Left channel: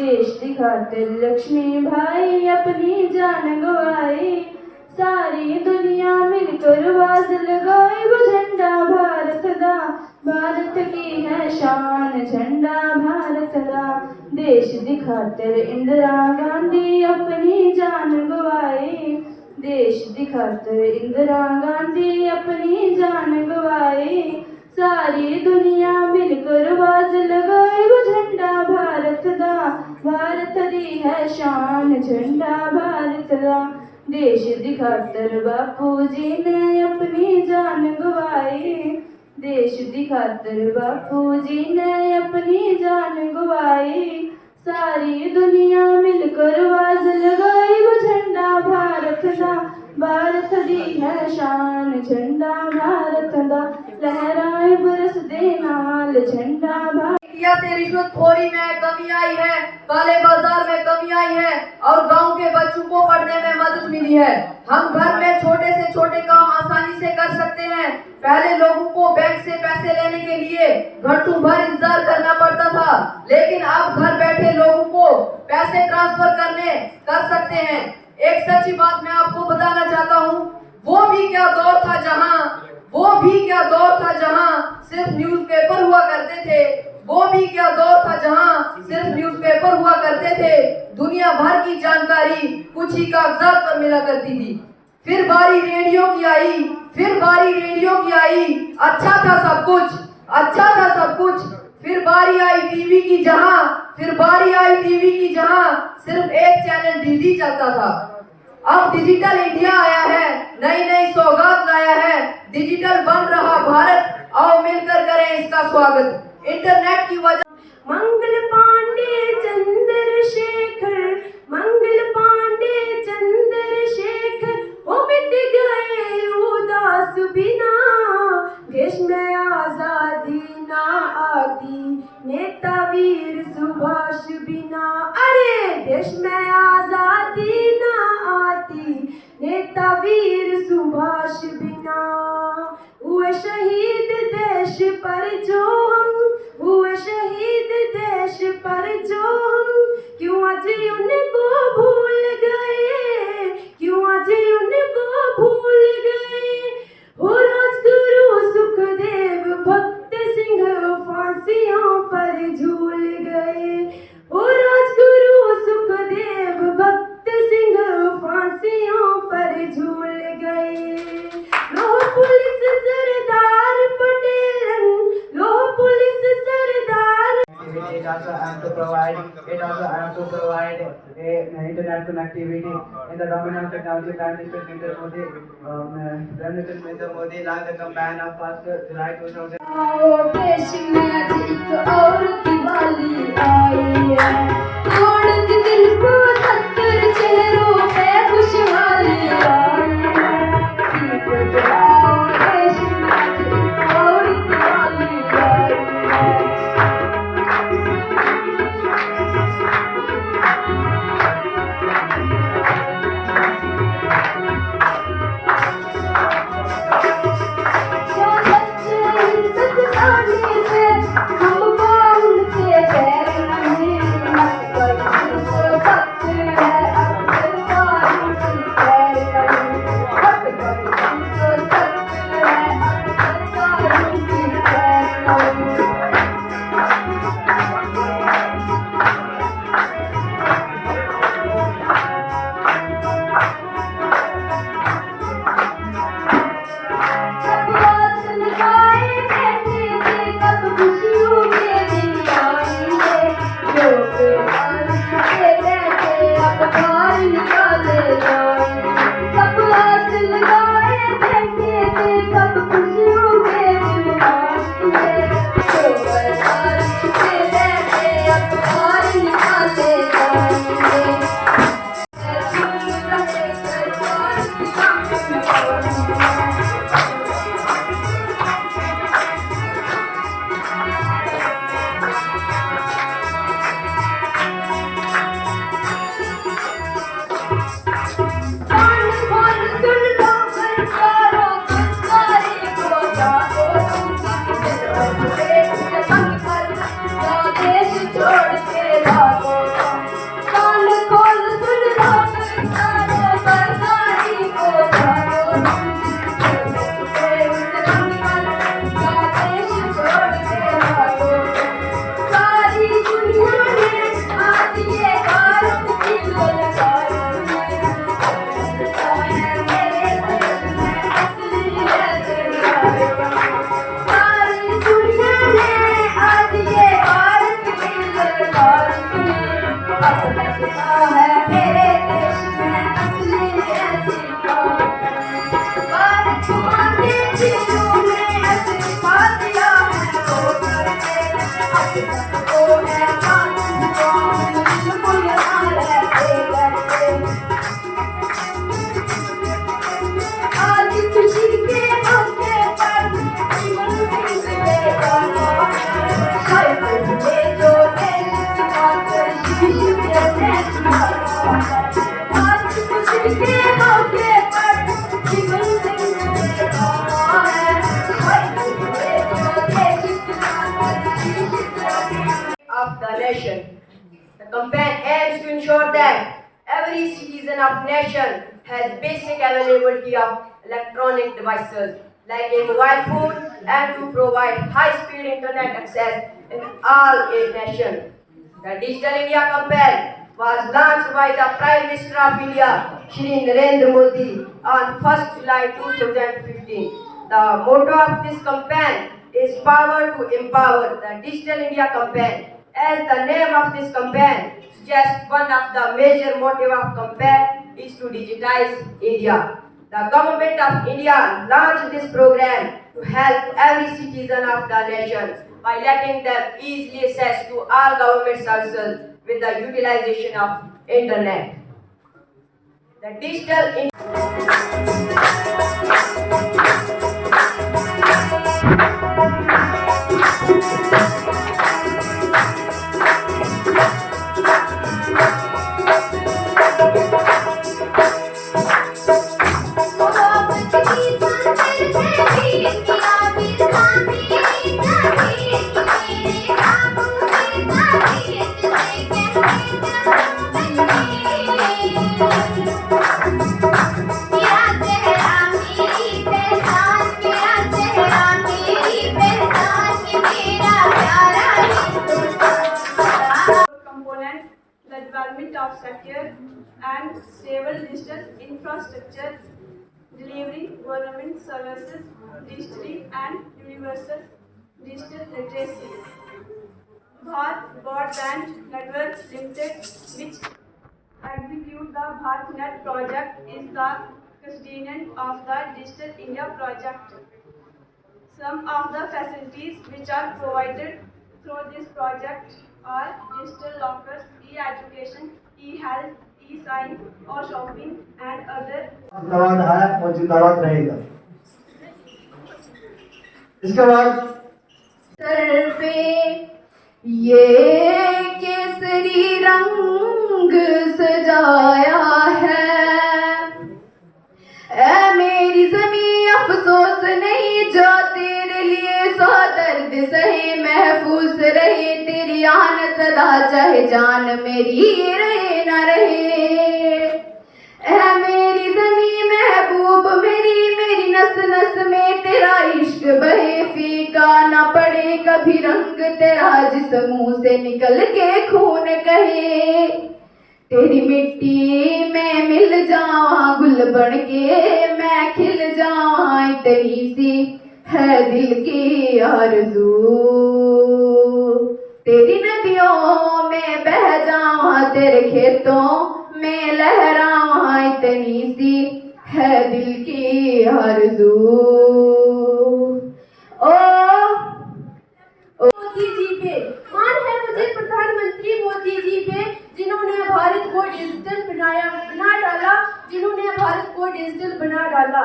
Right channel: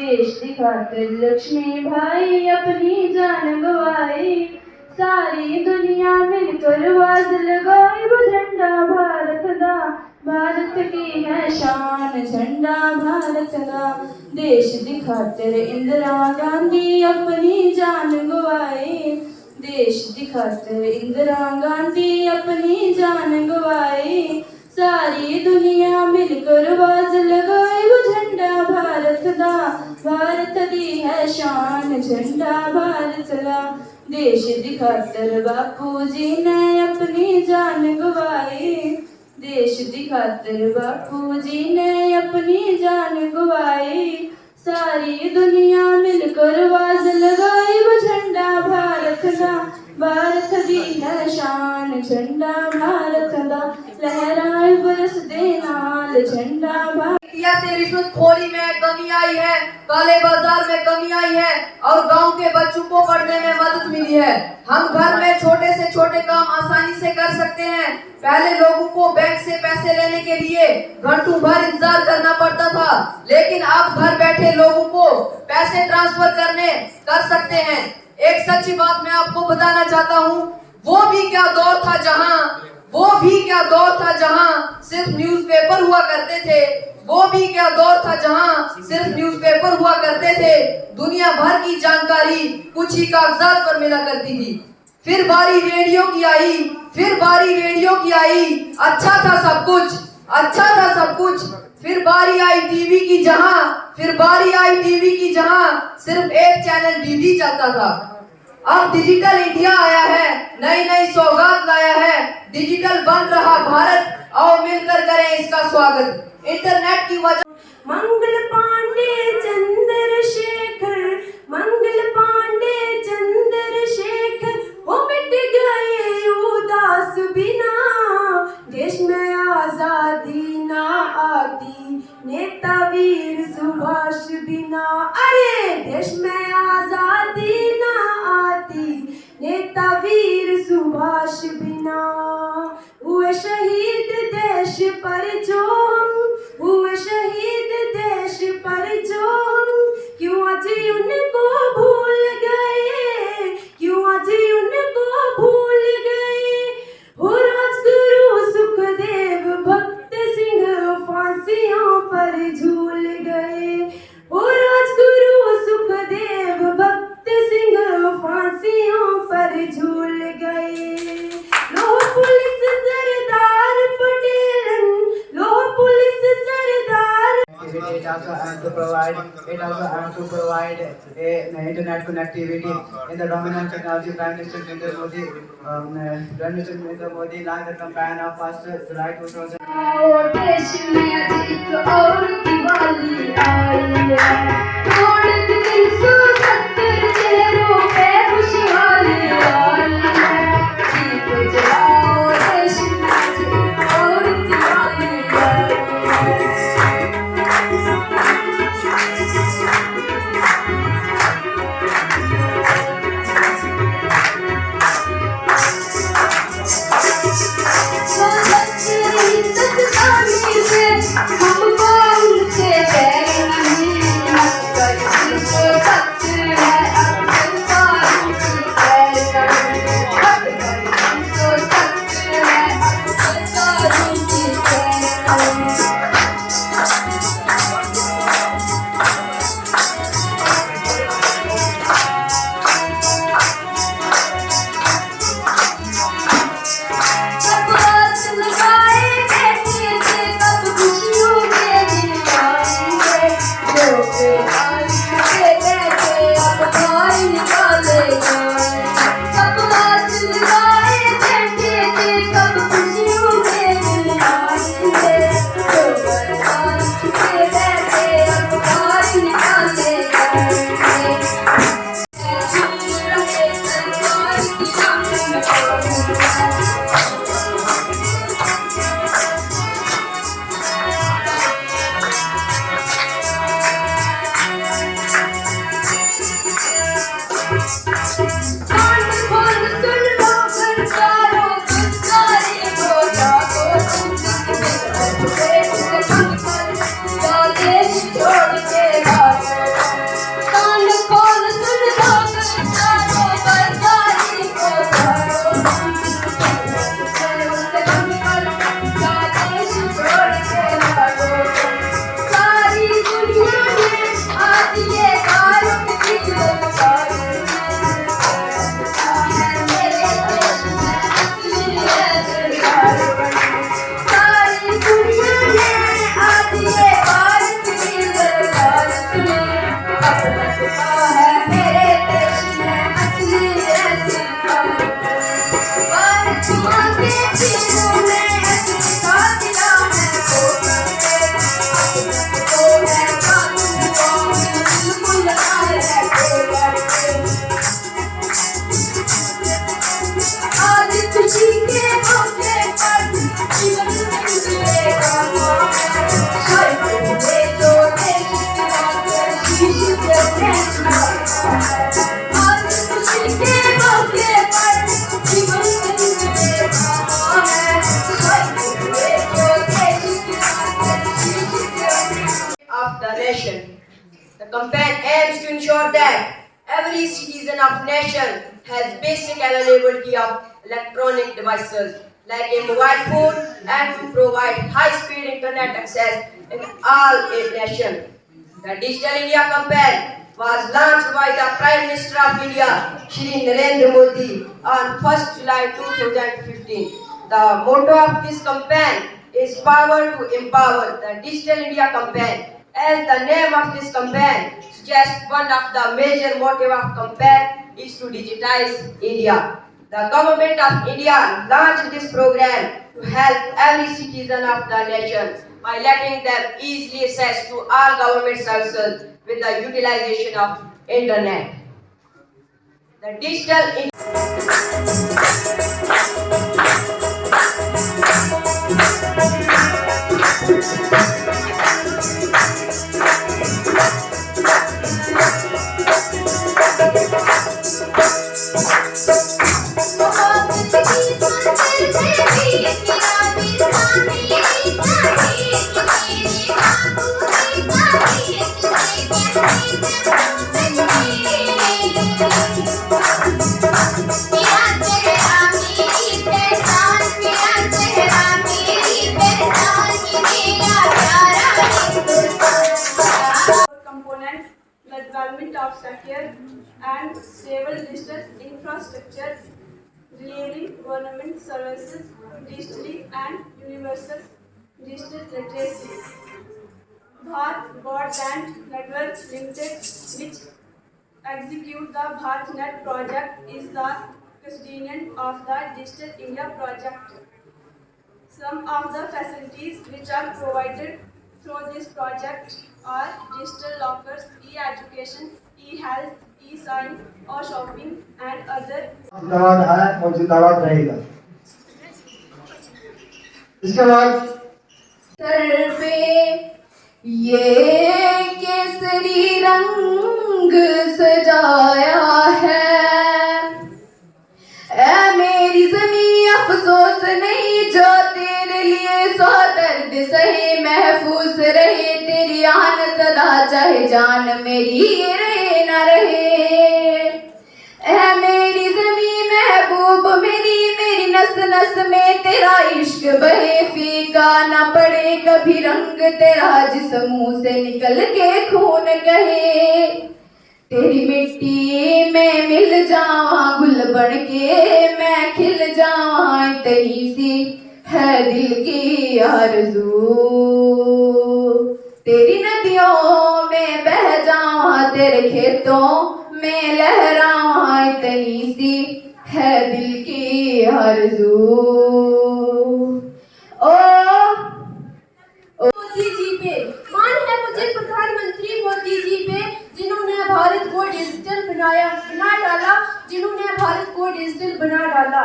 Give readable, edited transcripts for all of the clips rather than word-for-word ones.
देश की खातिर लक्ष्मी भाई अपनी जान गवाई। सारी दुनिया मिलकर आवाज लगाई, वो झंडा भारत दा, भारत की है शान झंडा भारत दा। देश की खातिर इंदिरा गांधी अपनी जान गवाई। देश की खातिर इंदिरा गांधी अपनी जान गवाई। सारी दुनिया मिलकर आवाज लगाई, वो झंडा भारत दा, भारत दी है शान झंडा भारत दा। देश की खातिर बापू जी ने अपनी जान गवाई। देश की खातिर बापू जी ने अपनी जान गवाई। सारी दुनिया मिलकर आवाज लगाई, वो झंडा भारत दा, भारत दी है शान झंडा भारत दा। लहराए बुलस दे नाल झंडा भारत। इंडिया से रिश्वतखोरी में कमी आई है, काले बाजार में कमी आई है और गांव के बच्चों को पढ़ने में मदद मिली है। हम घर में छोटे से छोटे काम आसानी से कर सकते हैं। पहले लोगों को बैंक से पैसे लेने के लिए घंटों भर इंतजार करना पड़ता था, लेकिन अब घर बैठे लोगों को पैसे ट्रांसफर कर सकते हैं। एक सच्ची बात मैं आपको बताना चाहता हूँ, वो भी क्या दौर था जहाँ सिर्फ न्यूज़पेपर हुआ करते थे। वो भी क्या दौर था जहाँ सिर्फ न्यूज़पेपर हुआ करते थे। दुनिया भर की जानकारी कुछ ही कागजात पर मिला करती थी। फिर बारी रेडियो की आई, अच्छा था सब कुछ। फिर बारी आई टीवी की जहाँ सिर्फ एक चैनल डीडी चलता था। अब डिजिटल इंडिया आया है, नई सौगात लाया है। डिजिटल बन रहा भारत, आओ मिलकर करें इसका स्वागत। इंटरनेट की वजह मंगल पांडे चंद्रशेखर वो मिट गए उदास बिना। देश में आजादी ना आती नेता वीर सुभाष बिना। अरे देश में आजादी ना आती नेता वीर सुभाष बिना। हुए शहीद देश पर जो हम क्यों आज उनको भूल गए। हो राजगुरु सुखदेव भक्त सिंह फांसियों पर झूल गए। हो राजगुरु सुखदेव भक्त सिंह फांसियों पर झूल गए। लोह पुलिस सरदार पटेल, लोह police Sardar. It also aims to provide a internet connectivity. In the dominant technology, Prime Minister Narendra Modi launched the campaign of 1st July 2000. देश में आज एक और दिवाली आई है, थोड़े दिन 370 चेहरों पे खुशहाली आई है। दीप जलाओ देश में आज एक और दिवाली आई है। अब लगता है मेरे देश में असली ऐसी भारत माँ के चीजों में असली कातिला है वो अब तक तो है कानून को बिल्कुल ना रहते करते आज खुशी के मौके पर जीवन जिंदगी of the nation. The campaign aims to ensure that every citizen of nation has basic availability of electronic devices like a mobile phone and to provide high-speed internet access in all a nation. The Digital India campaign was launched by the Prime Minister of India, Shri Narendra Modi, on 1st July 2015. The motto of this campaign is Power to Empower. The Digital India campaign, as the name of this campaign suggests, one of the major motive of campaign is to digitize India. The government of India launched this program to help every citizen of the nation by letting them easily access to all government services with the utilization of internet. The digital components, the development of secure and stable digital infrastructure, delivering government services digitally and universal digital literacy. Bharat Broadband Networks Limited, which execute the BharatNet project, is the custodian of the Digital India project. Some of the facilities which are provided through this project are digital lockers, e-education, e-health, e-sign और shopping and other. जिंदाबाद है और जिंदाबाद रहेगा। इसके बाद sir पे ये केसरी रंग सजाया है, ऐ मेरी ज़मीं अफसोस नहीं जो तेरे लिए सौ दर्द सहे, महफूज रहे तेरी आन सदा चाहे जान मेरी रहे न रहे। ऐ मेरी ज़मीं महबूब मेरी नस नस में तेरा इश्क बहे, फीका न पड़े कभी रंग तेरा जिस मुंह से निकल के खून कहे। तेरी मिट्टी में मिल जाऊं गुल बन के मैं खिल जाऊं, इतनी सी है दिल की आरज़ू। तेरी नदियों में बह जाऊं तेरे खेतों में लहराऊं, इतनी सी है दिल की आरज़ू। मोदी जी पे मान है मुझे प्रधानमंत्री मोदी जी पे, जिन्होंने भारत को डिजिटल बना डाला, जिन्होंने भारत को डिजिटल बना डाला।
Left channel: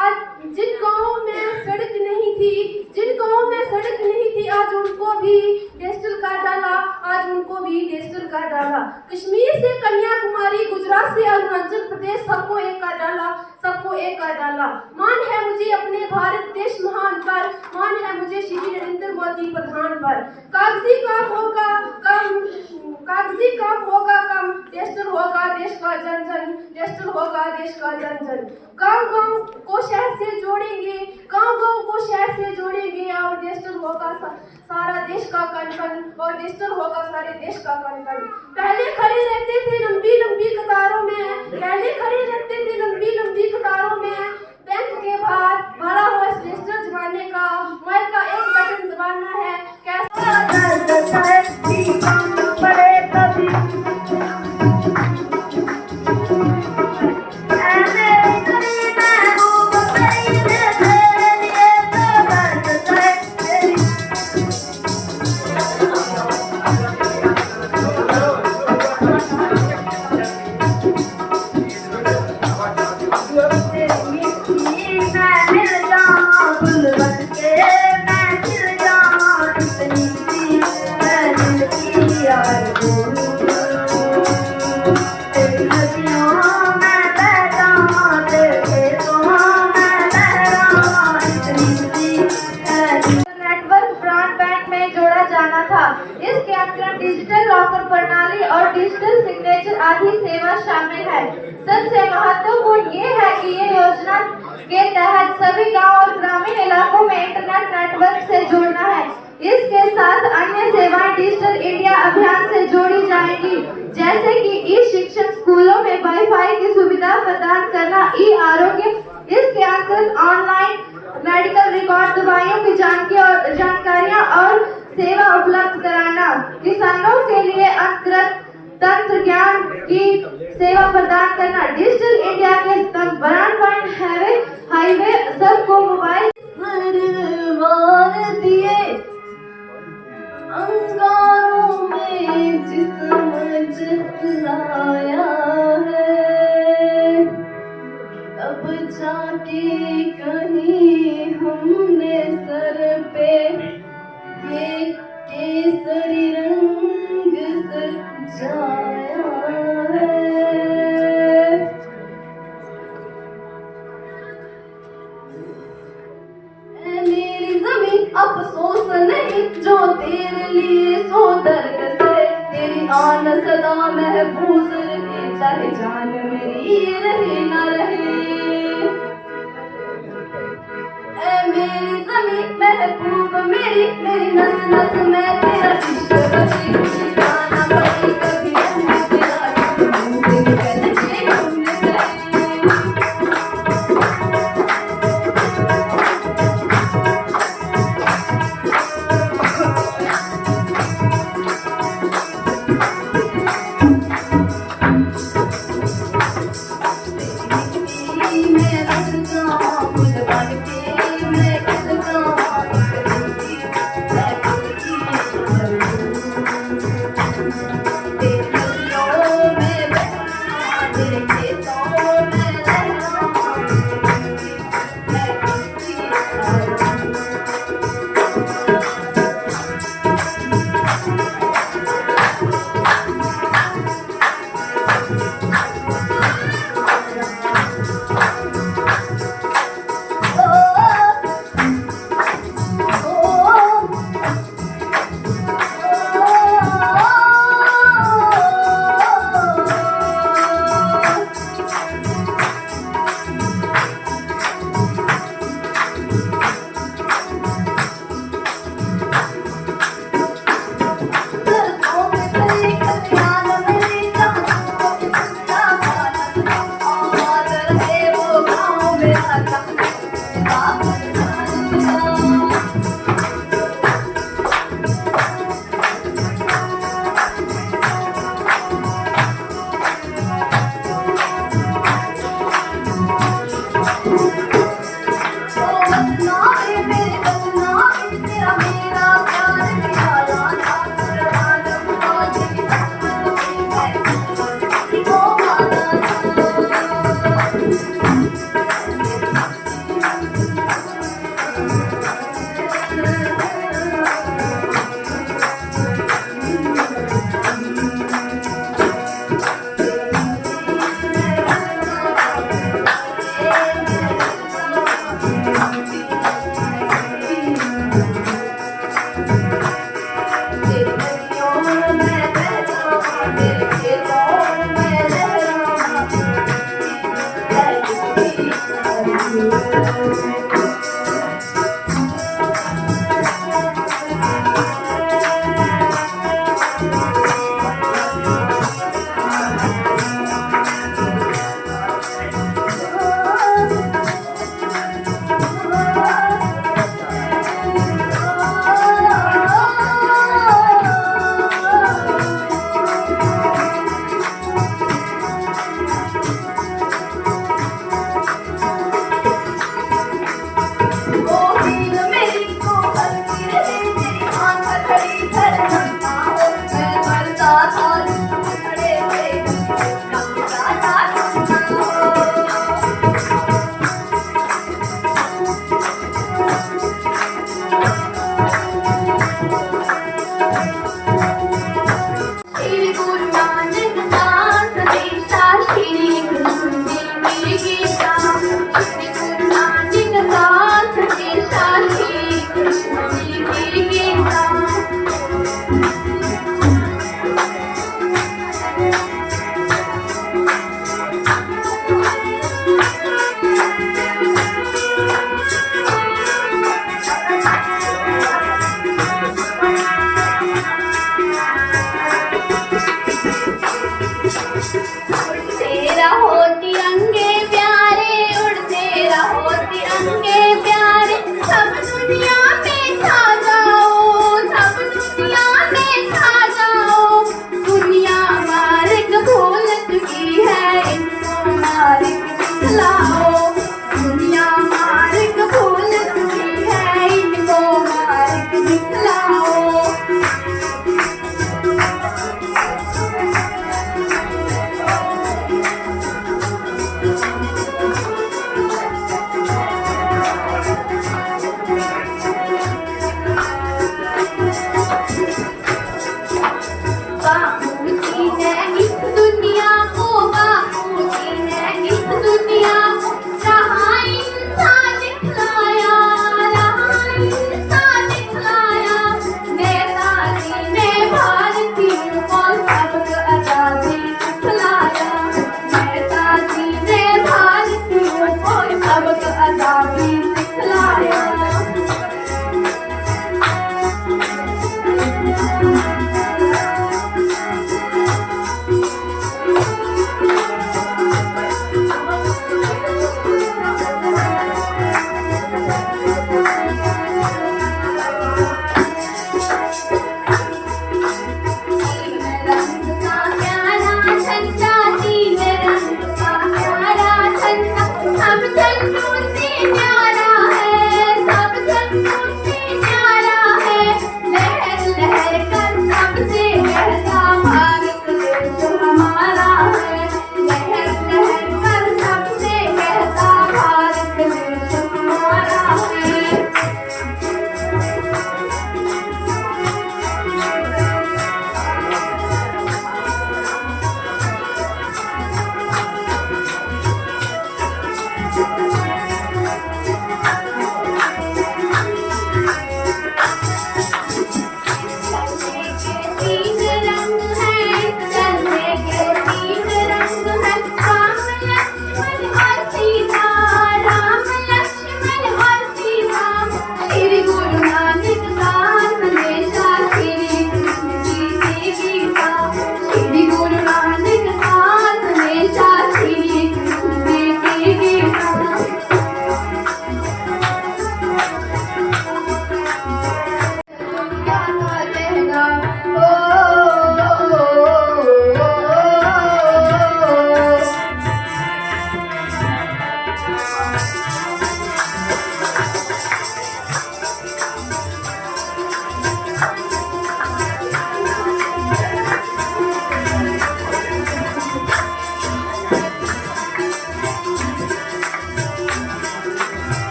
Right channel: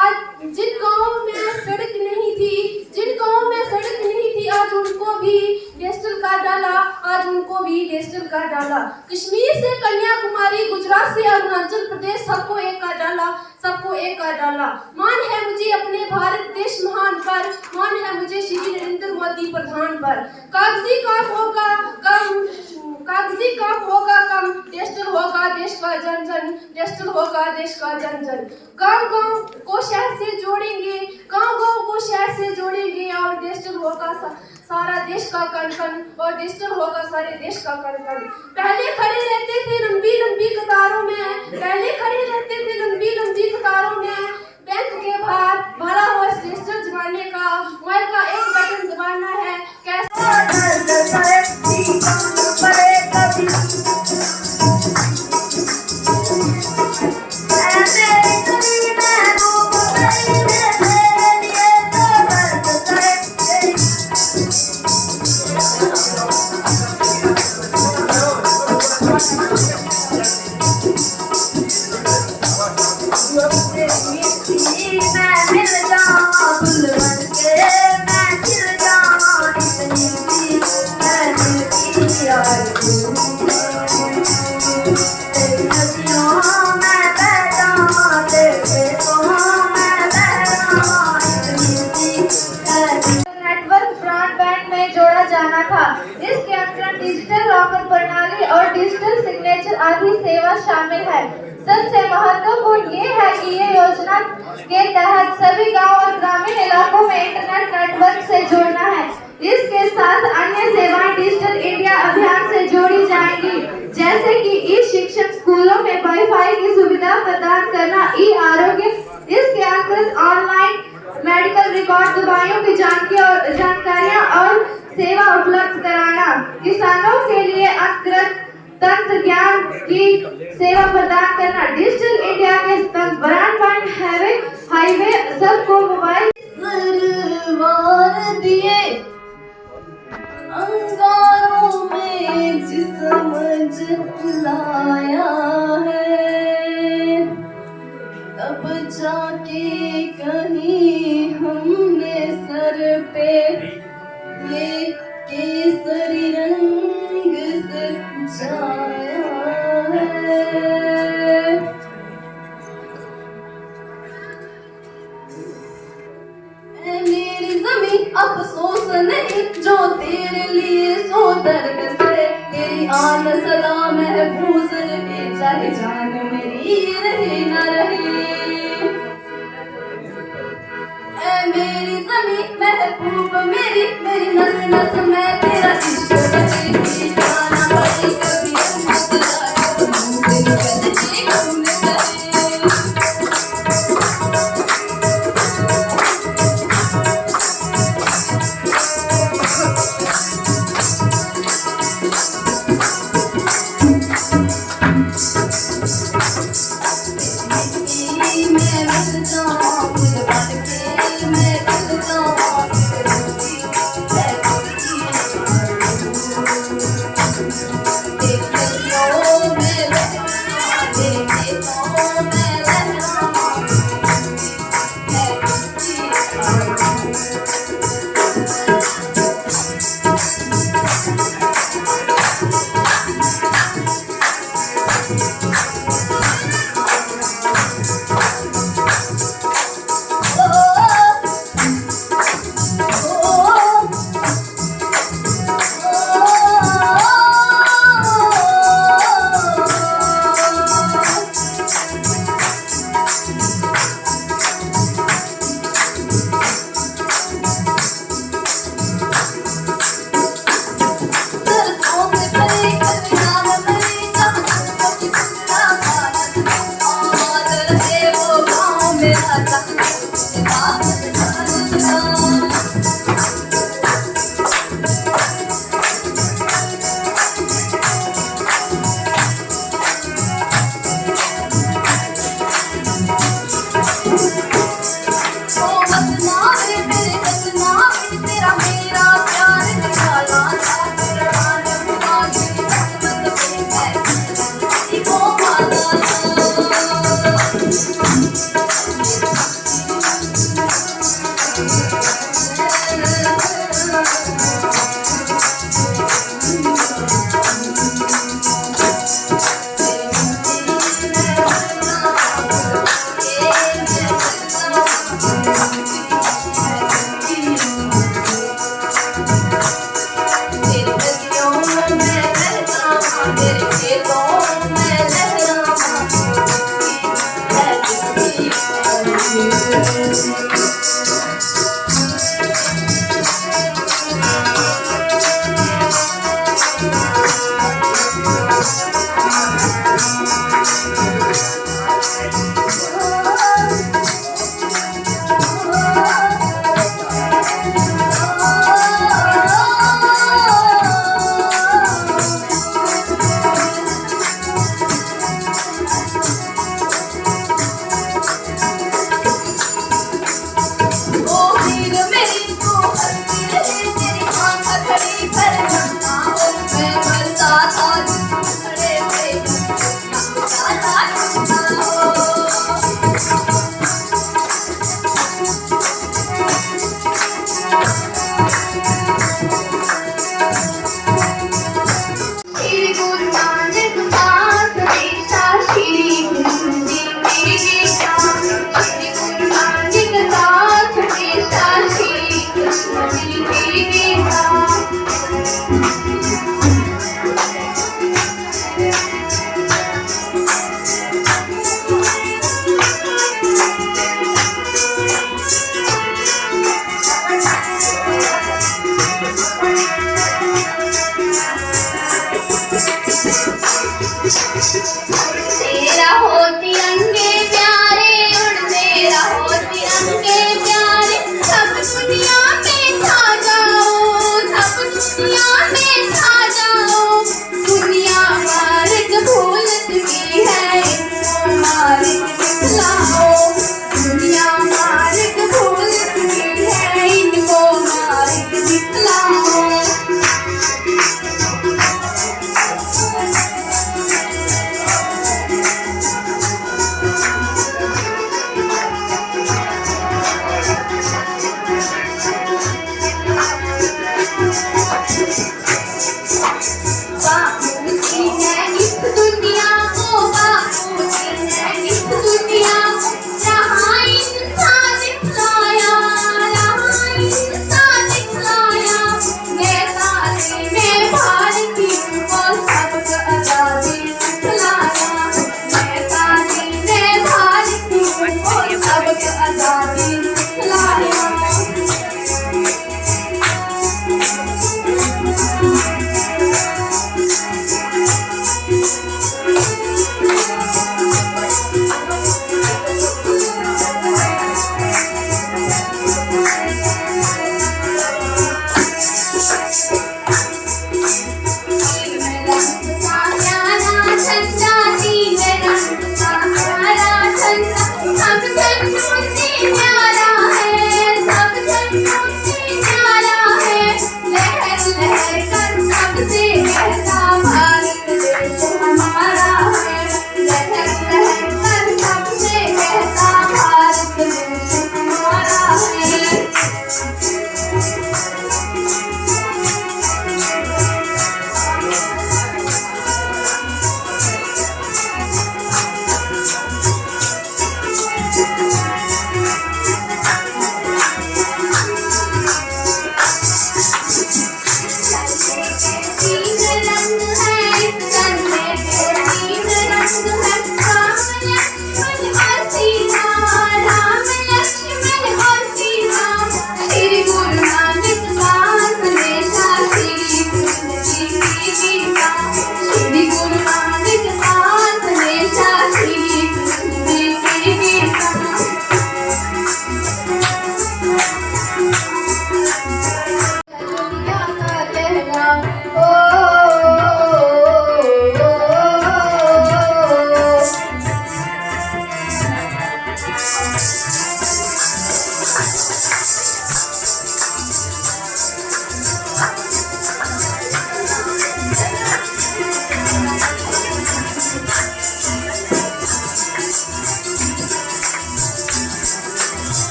आज जिन गाँवों में सड़क नहीं थी, जिन गाँवों में सड़क नहीं थी, आज उनको भी डिजिटल कर डाला, आज उनको भी डिजिटल कर डाला। कश्मीर से कन्याकुमारी, गुजरात से अरुणाचल प्रदेश, सबको एक कर डाला, सबको एक कर डाला। मान है मुझे अपने भारत देश महान पर, मान है मुझे श्री नरेंद्र मोदी प्रधान पर। कागजी काम होगा कम, कागजी काम होगा कम, डिजिटल होगा देश का जन जन, डिजिटल होगा देश का जन जन। गाँव गाँव को शहर से जोड़ेंगे, गाँव गाँव को शहर से जोड़ेंगे, और डिजिटल होगा सारा देश का कण कण, और डिजिटल होगा सारे देश का कण कण। पहले खड़े रहते थे लंबी लंबी कतारों में, पहले खड़े रहते थे लंबी लंबी कतारों में, बैंक के बाहर भरा हुआ डिजिटल जमाने का, मोबाइल का एक बटन दबाना है, कैसे लॉकर प्रणाली और डिजिटल सिग्नेचर आदि सेवा शामिल है। सबसे महत्वपूर्ण ये है कि ये योजना के तहत सभी गांव और ग्रामीण इलाकों में इंटरनेट नेटवर्क से जोड़ना है। इसके साथ अन्य सेवाएं डिजिटल इंडिया अभियान से जोड़ी जाएंगी, जैसे कि ई शिक्षण, स्कूलों में वाईफाई की सुविधा प्रदान करना, ई आरोग्य। इसके अंतर्गत ऑनलाइन मेडिकल रिकॉर्ड, दवाइयों की जानकारियां और सेवा उपलब्ध कराना, किसानों के लिए अंतर्गत तंत्र ज्ञान की सेवा प्रदान करना, डिजिटल इंडिया के ब्रॉडबैंड हाईवे सबको मोबाइल सरवार दिए अंगारों में जिस्म जलाया है, तब जाके कहीं हमने सर पे ये केसरी रंग सजाया है। मेरी जमीन अफसोस नहीं जो तेरे लिए सो दर्द से, तेरी आन सदा महफूज रहे, चाहे जान मेरी रहे न रहे। मेरी जमीन महबूब मेरी, मेरी नस नस में तेरा इश्क रहे, जाना पड़े कभी तेरा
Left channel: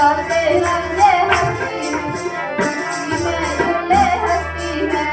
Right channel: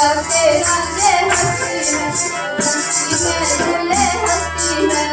के रंगे हंसती है, खुशी में झूले हंसती है।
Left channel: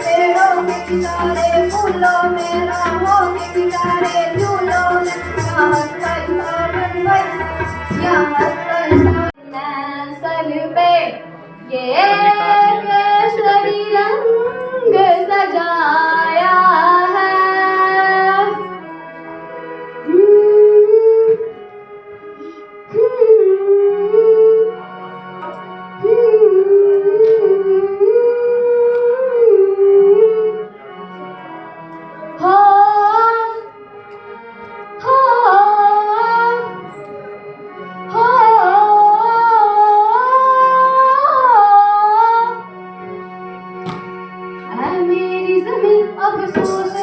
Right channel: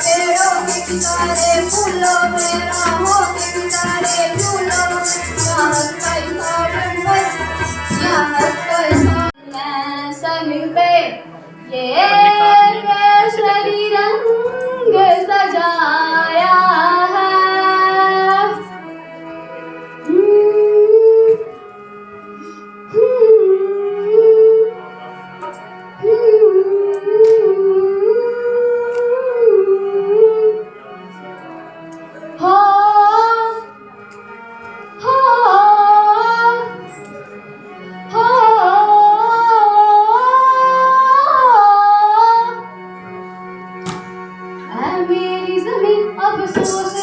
पेड़ों के किनारे फूलों में, राहों के किनारे झूलों में, यहाँ हंसता गार्डन में, यहाँ हंसता मैं समिल पे ये केसरी रंग सजाया है। मेरी ज़मीन अफ़सोस